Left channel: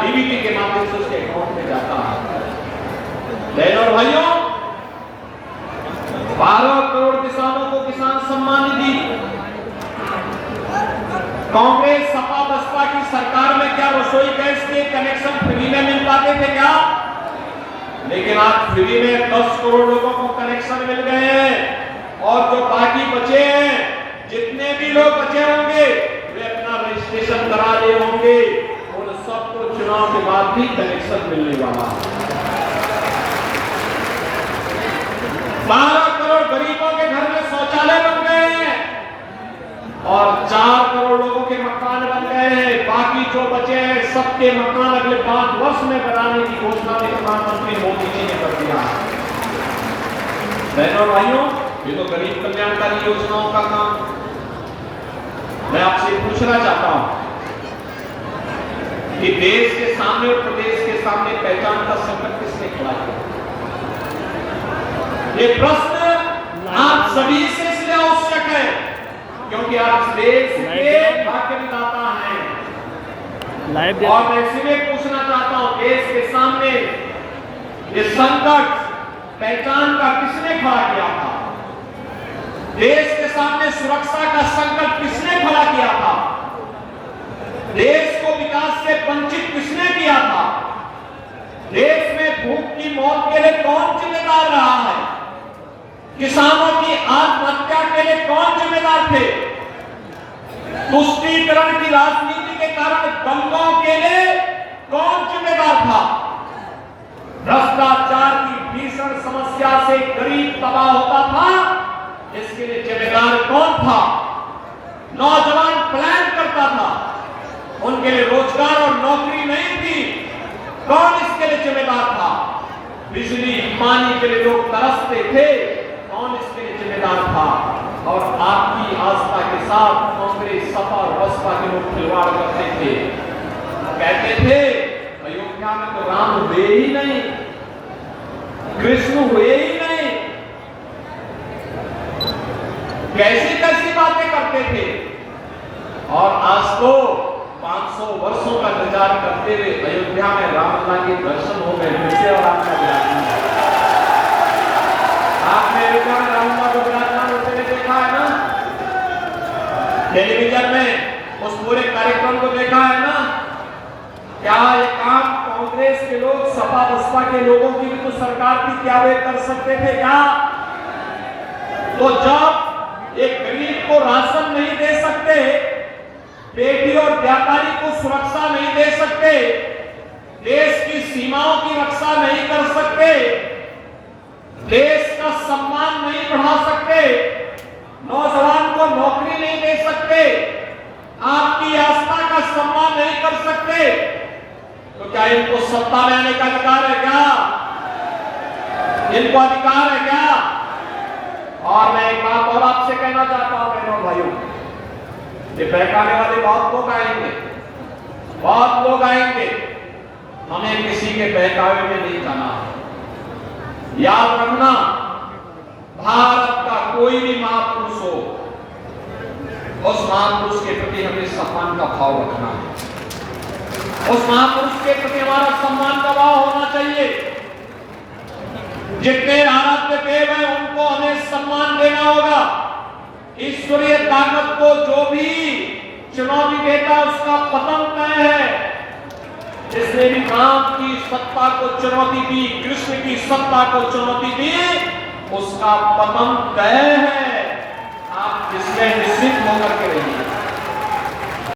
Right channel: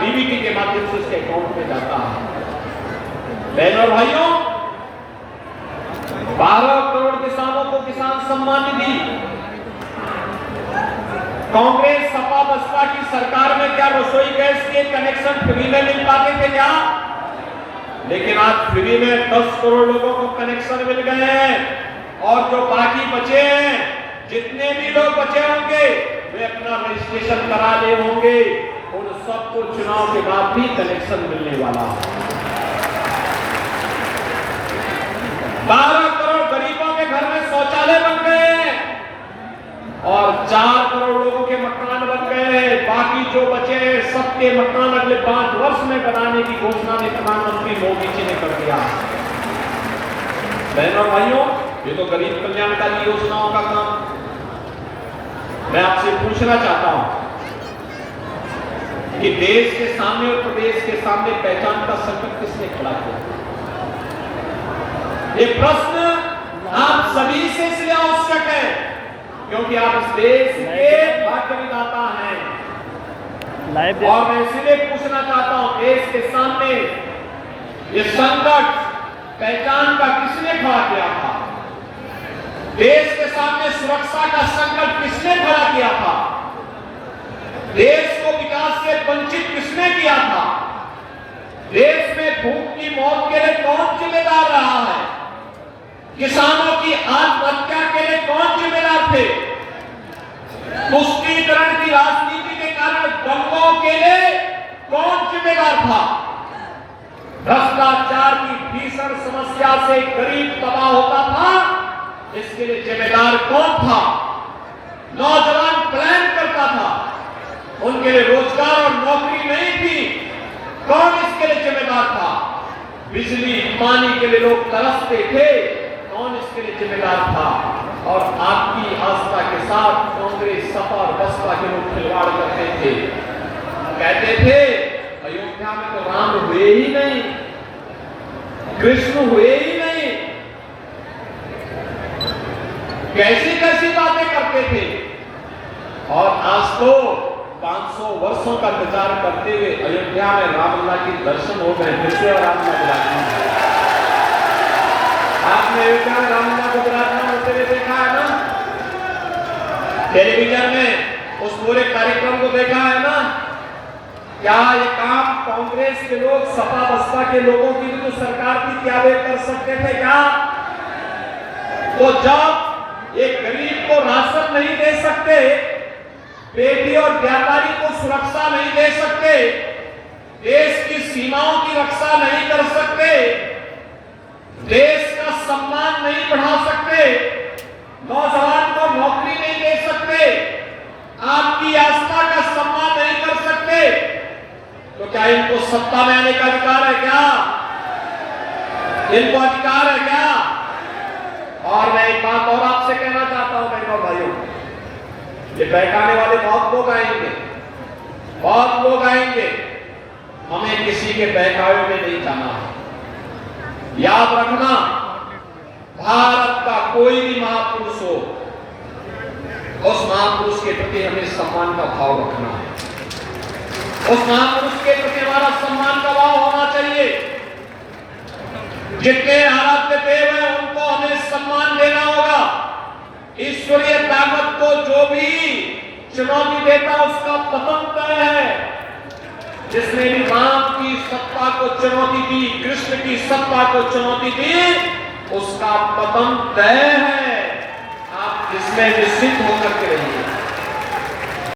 DBT के माध्यम से उसके अकाउंट में जाता है। बहनों और भाइयों, 12 करोड़ किसानों को किसान सम्मान निधि। कांग्रेस सपा बसपा की सरकार में क्या रसोई गैस के कनेक्शन फ्री में मिल पाते थे क्या? लेकिन आज फ्री में 10 करोड़ लोगों को कनेक्शन मिल गए हैं। और जो बाकी बचे हैं, जितने भी लोग बचे होंगे वे अपना रजिस्ट्रेशन करा ले होंगे, और सबको चुनाव के बाद भी कनेक्शन मिलने वाला है। 12 करोड़ गरीबों के घर में शौचालय बन गए हैं और 4 करोड़ लोगों के मकान बन गए हैं। बाकी जो बचे हैं सबके मकान अगले 5 वर्ष में बनाने की घोषणा प्रधानमंत्री मोदी जी ने कर दिया। बहनों भाइयों, ये तो गरीब कल्याणकारी योजनाओं का काम। मैं आपसे पूछना चाहता हूं कि देश के सामने और प्रदेश के सामने पहचान का संकट किसने खड़ा किया? ये प्रश्न आप सभी से इसलिए आवश्यक है क्योंकि आप इस देश के भाग्य विधाता हैं। और मैं इसलिए पूछना चाहता हूं, देश के सामने ये संकट पहचान का किसने खड़ा किया था? देश के सामने सुरक्षा का संकट किसने खड़ा किया था? देश को विकास से वंचित किसने किया था? देश में भूख की मौत के लिए कौन जिम्मेदार रहा है? किसानों की आत्महत्या के लिए कौन जिम्मेदार थे? तुष्टीकरण की राजनीति के कारण दंगों के लिए कौन जिम्मेदार था? भ्रष्टाचार की भीषण समस्या से गरीब तबाह होता था, इसके लिए जिम्मेदार कौन था? नौजवान प्लान करता था, उनके लिए रोजगार और नौकरी नहीं थी, कौन इसके लिए जिम्मेदार था? बिजली पानी के लिए लोग तरसते थे, कौन इसके लिए जिम्मेदार था? और आपकी आस्था के साथ कांग्रेस सपा और बसपा के लोग खिलवाड़ करते थे, कहते थे अयोध्या में तो राम हुए ही नहीं, कृष्ण हुए ही नहीं, कैसी कैसी बातें करते थे। और आज तो 500 वर्षों का इंतजार करते हुए अयोध्या में रामलला के दर्शन हो गए। फिर आपने अयोध्या में रामलला को विराजमान होते हुए देखा है ना, टेलीविजन में उस पूरे कार्यक्रम को देखा है ना। क्या ये काम कांग्रेस के लोग, सपा बसपा के लोगों की भी तो सरकार की क्या वे कर सकते थे क्या? तो जब एक गरीब को राशन नहीं दे सकते, बेटी और व्यापारी को सुरक्षा नहीं दे सकते, देश की सीमाओं की रक्षा नहीं कर सकते, देश का सम्मान नहीं बढ़ा सकते, नौजवान को नौकरी नहीं दे सकते, आपकी आस्था का सम्मान नहीं कर सकते, तो क्या इनको सत्ता में आने का अधिकार है क्या? इनको अधिकार है क्या? और मैं एक बात और आपसे कहना चाहता हूं बहनों भाइयों, ये बहकाने वाले बहुत लोग आएंगे, बहुत लोग आएंगे, हमें किसी के बहकावे में नहीं जाना। याद रखना, भारत का कोई भी महापुरुष हो, उस महापुरुष के प्रति हमें सम्मान का भाव रखना है। उस महापुरुष के प्रति हमारा सम्मान का भाव होना चाहिए। जितने हालत में देव है उनको हमें सम्मान देना होगा। ईश्वरीय ताकत को जो भी चुनौती देता उसका पतन तय है। जिसने भी राम की सत्ता को चुनौती दी, कृष्ण की सत्ता को चुनौती दी, उसका पतन तय है। आप जिसमें निश्चित होकर के